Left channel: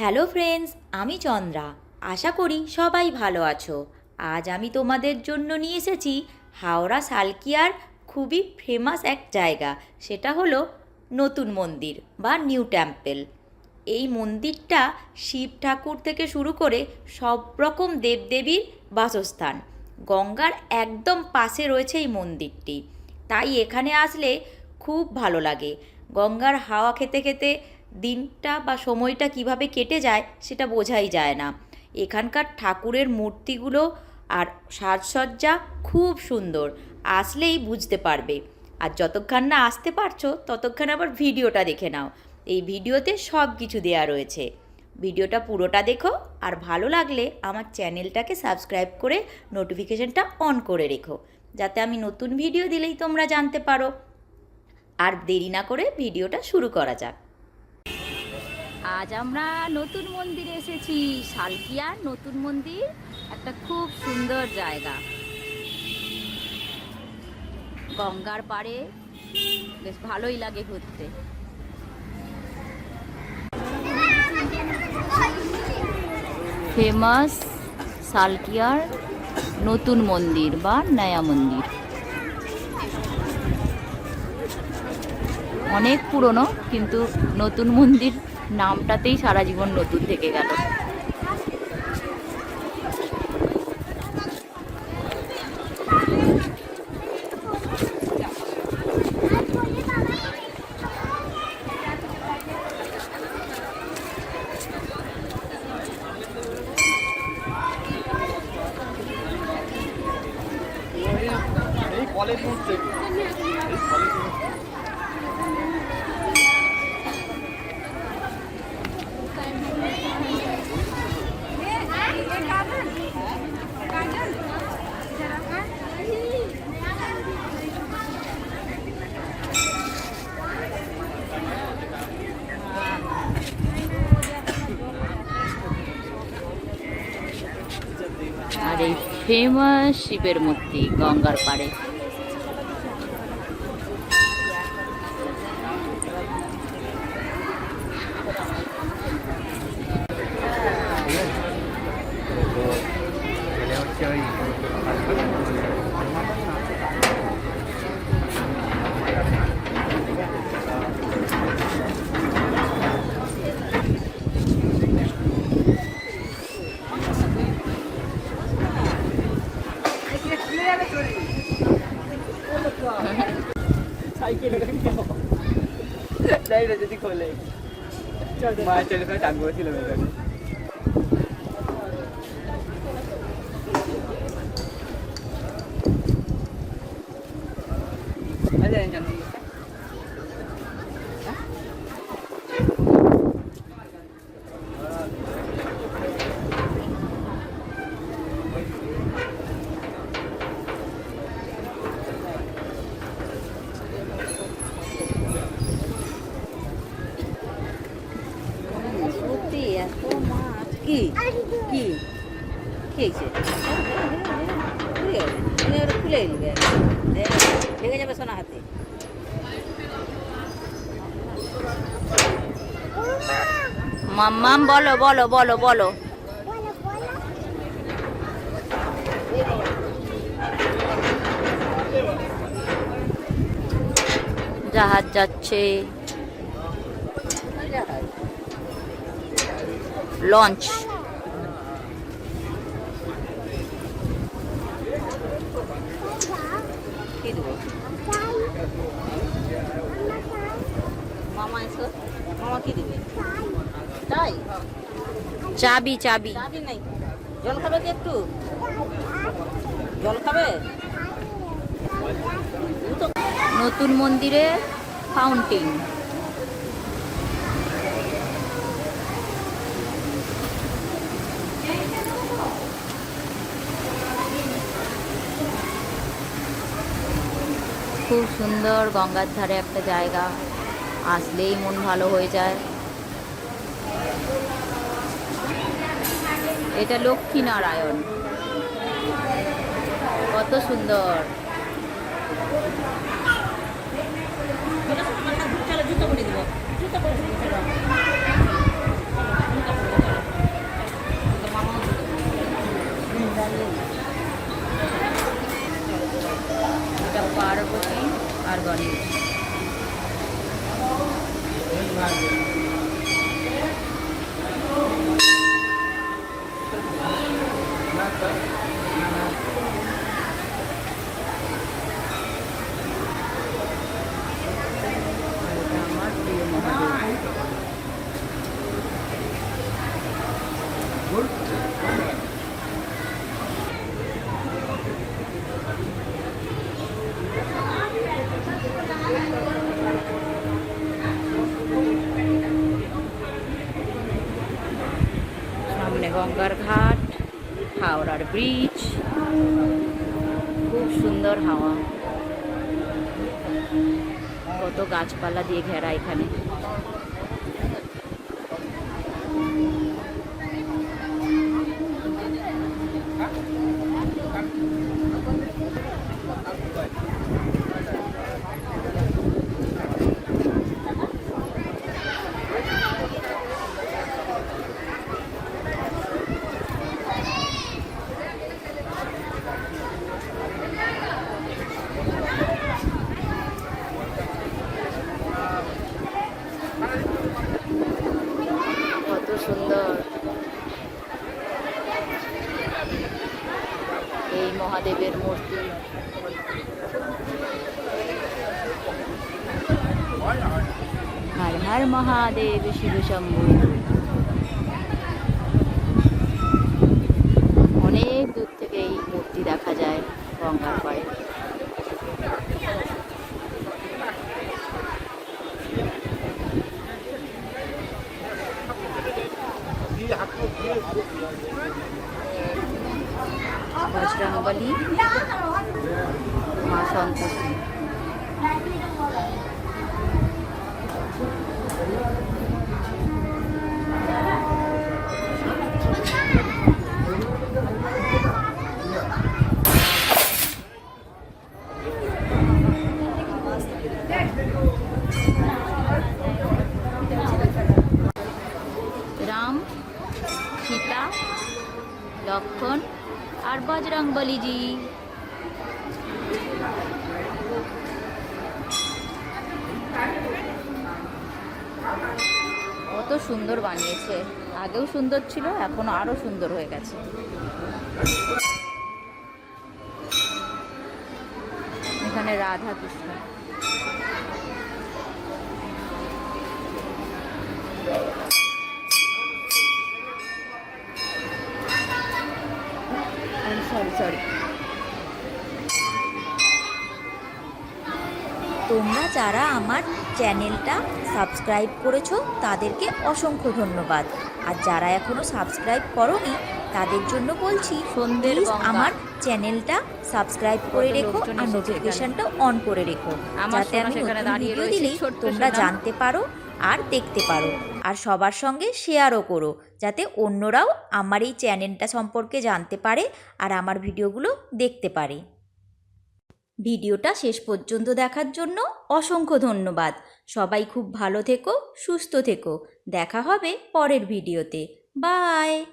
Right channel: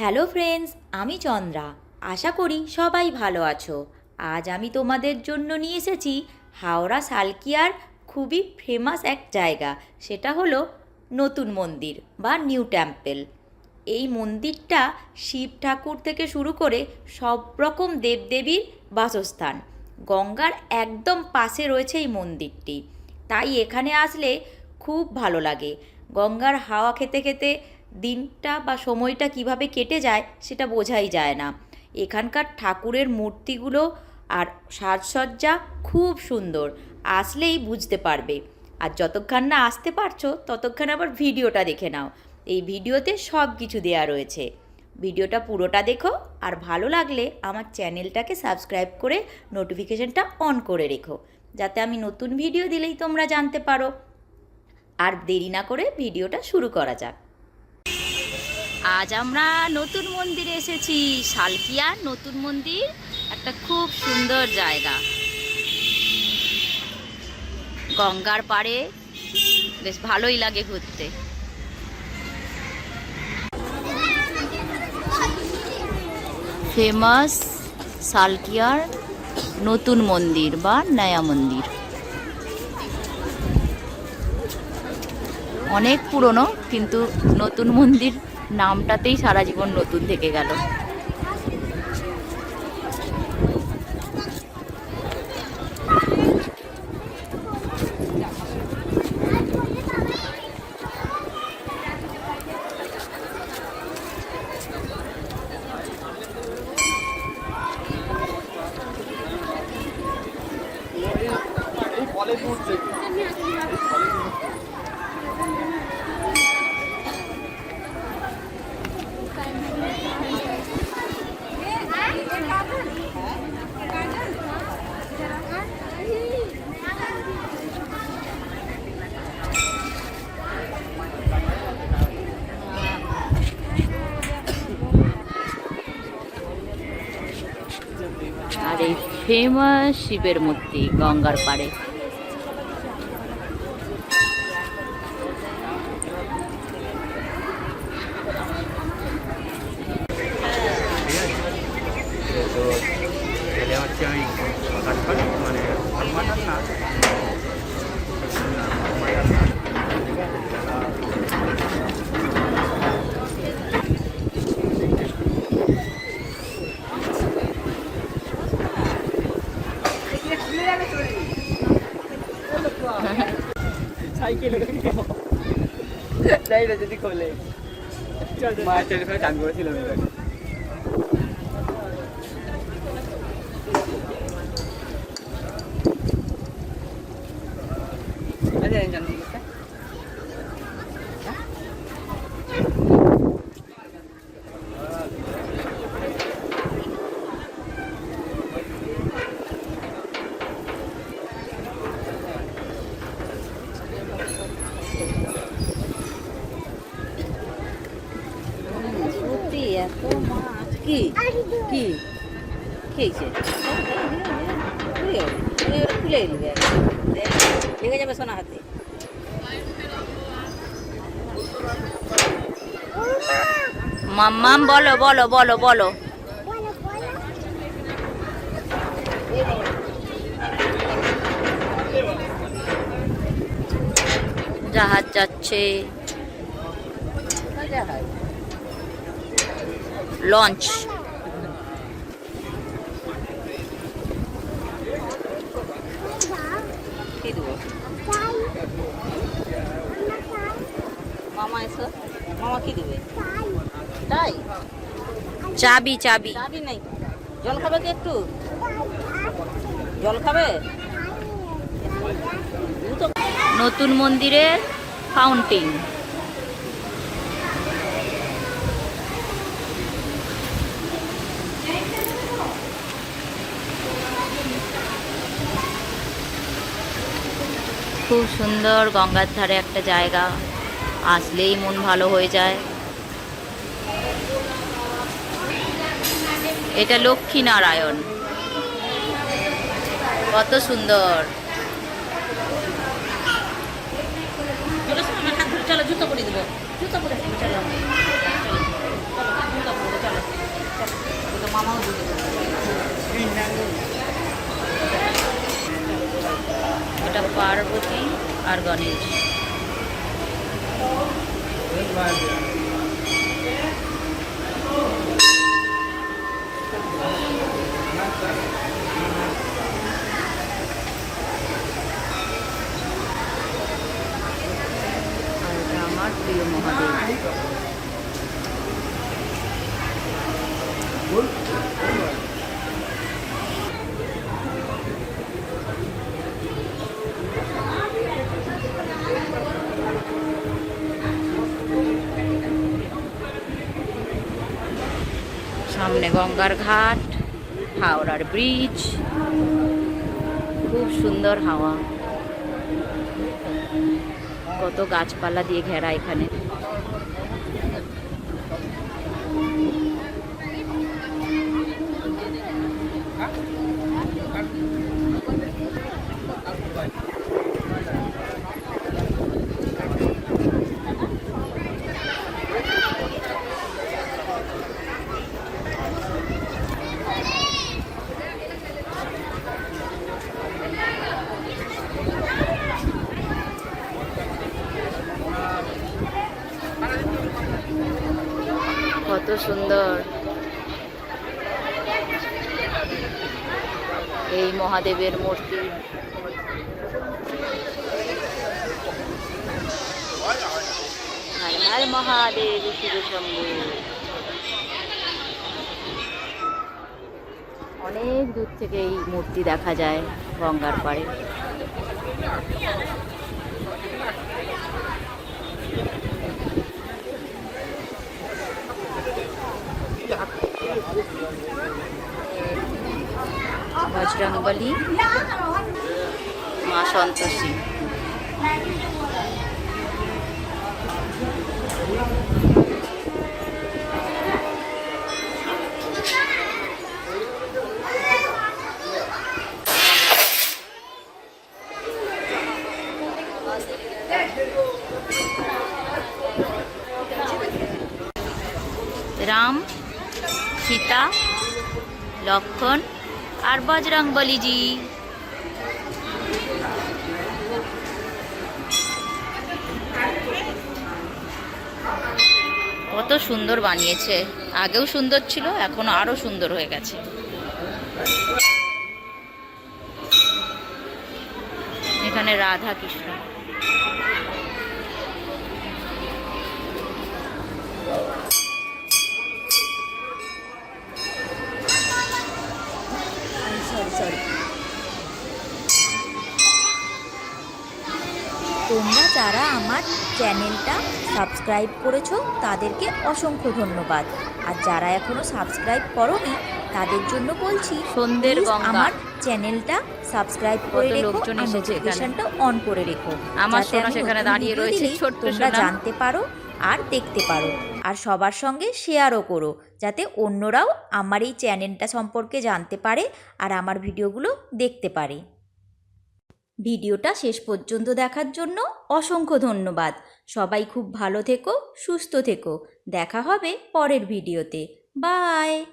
Hello friends, আমি চন্দ্রা। আশা করি সবাই ভালো আছো। আজ আমি তোমাদের জন্য নিয়ে এসেছি হাওড়া সালকিয়ার খুবই ফেমাস এক জায়গা। সেটা হলো নতুন মন্দির বা নিউ টেম্পল। এই মন্দিরটা শিব ঠাকুর থেকে শুরু করে সব রকম দেবদেবীর বাসস্থান। গঙ্গার একদম পাশে রয়েছে এই মন্দিরটি। তাই এখানে আসলে খুব ভালো লাগে। গঙ্গার হাওয়া খেতে খেতে দিনটা বা সময়টা কীভাবে কেটে যায় সেটা বোঝাই যায় না। এখানকার ঠাকুরের মূর্তিগুলো আর সাজসজ্জা খুব সুন্দর, আসলেই বুঝতে পারবে। আর যতক্ষণ না আসতে পারছ, ততক্ষণ আবার ভিডিওটা দেখে নাও। এই ভিডিওতে সব কিছু দেওয়া রয়েছে। ভিডিওটা পুরোটা দেখো, আর ভালো লাগলে আমার চ্যানেলটাকে সাবস্ক্রাইব করে নোটিফিকেশনটা অন করে রেখো, যাতে আমি নতুন ভিডিও দিলেই তোমরা জানতে পারো। আর দেরি না করে ভিডিওটা শুরু করা যাক। আজ আমরা নতুন মন্দিরে এসেছি, শালকিয়া নতুন মন্দির, একটা খুব সুন্দর জায়গা। গঙ্গার পাড়ে বেশ ভালোই লাগে ঘুরতে। ফেমাস সালকিয়ার নতুন মন্দির বা নয়া মন্দির। অনেক পুরনো, কিন্তু নতুন মন্দির নামটাতেই সারা জীবন নতুন থেকে গেল আর এই ফেমাস শিবের মূর্তি গঙ্গার পাড়ে। đây là cái gì coi lên mà chơi cái phải đàn người thì là mình খুলে বলো বলো বলো বলো। জাহাজ যাচ্ছে। লঞ্চ। কি দেবো। মামা এসো। মামা কি দেবে? তাই? চাবি চাবি। চাবি নাই। জল খাবে কি একটু? জল খাবে? নতুন মন্দিরে ফাউন্টেন খুব সুন্দর গঙ্গার ধারে একটা জায়গা, আসলেই মন ভালো হয়ে যায়। এটা লক্ষ্মীনারায়ণ। কত সুন্দর। এটা পার্বতী আর গণেশ। আমার প্রিয় মহাদেব। সামনে গঙ্গার ঘাট হাওড়ার ব্রিজ খুব সুন্দর হাওয়া। কত গাছপালা দিয়ে ঘেরা এখানে কত সুন্দর। এই মহাদেবের মূর্তি। হর হর মহাদেব, শিব শম্ভু। অনেক দূর থেকে এই মূর্তি দেখা যায় গঙ্গার পাড়ে। বজরংবলী মা সন্তোষী। রাম সীতা, লক্ষণ আর বজরং বলিজি কত সুন্দর বানিয়েছে। আগেও সুন্দর ছিল, এখন আরও সুন্দর হয়ে গেছে। এখানে রাধা কৃষ্ণ। তোমরা যারা আমার চ্যানেলটা সাবস্ক্রাইব করেছ তাদেরকে অসংখ্য ধন্যবাদ। আর যারা এখনও সাবস্ক্রাইব করনি তাদের জন্য বলছি সন্ধ্যের আমার চ্যানেলটা সাবস্ক্রাইব করে রেখো আর নোটিফিকেশনটা অন করে রেখো। আমার যাতে আমি সেখানে দাঁড়িয়ে রয়েছে, তোমরা জানতে পারো আর দেখতে পারো। আর সবার সঙ্গে শেয়ারও করো যাতে অন্যরাও আমার এই চ্যানেলটা সম্পর্কে জানতে পারে আর আমার ভিডিওগুলো দেখতে পারে। ভিডিওটা শেষ পর্যন্ত দেখার জন্য অসংখ্য ধন্যবাদ। সবাই খুব ভালো থেকো, সুস্থ থেকো। দেখা হবে পরের ভিডিওতে। বাই!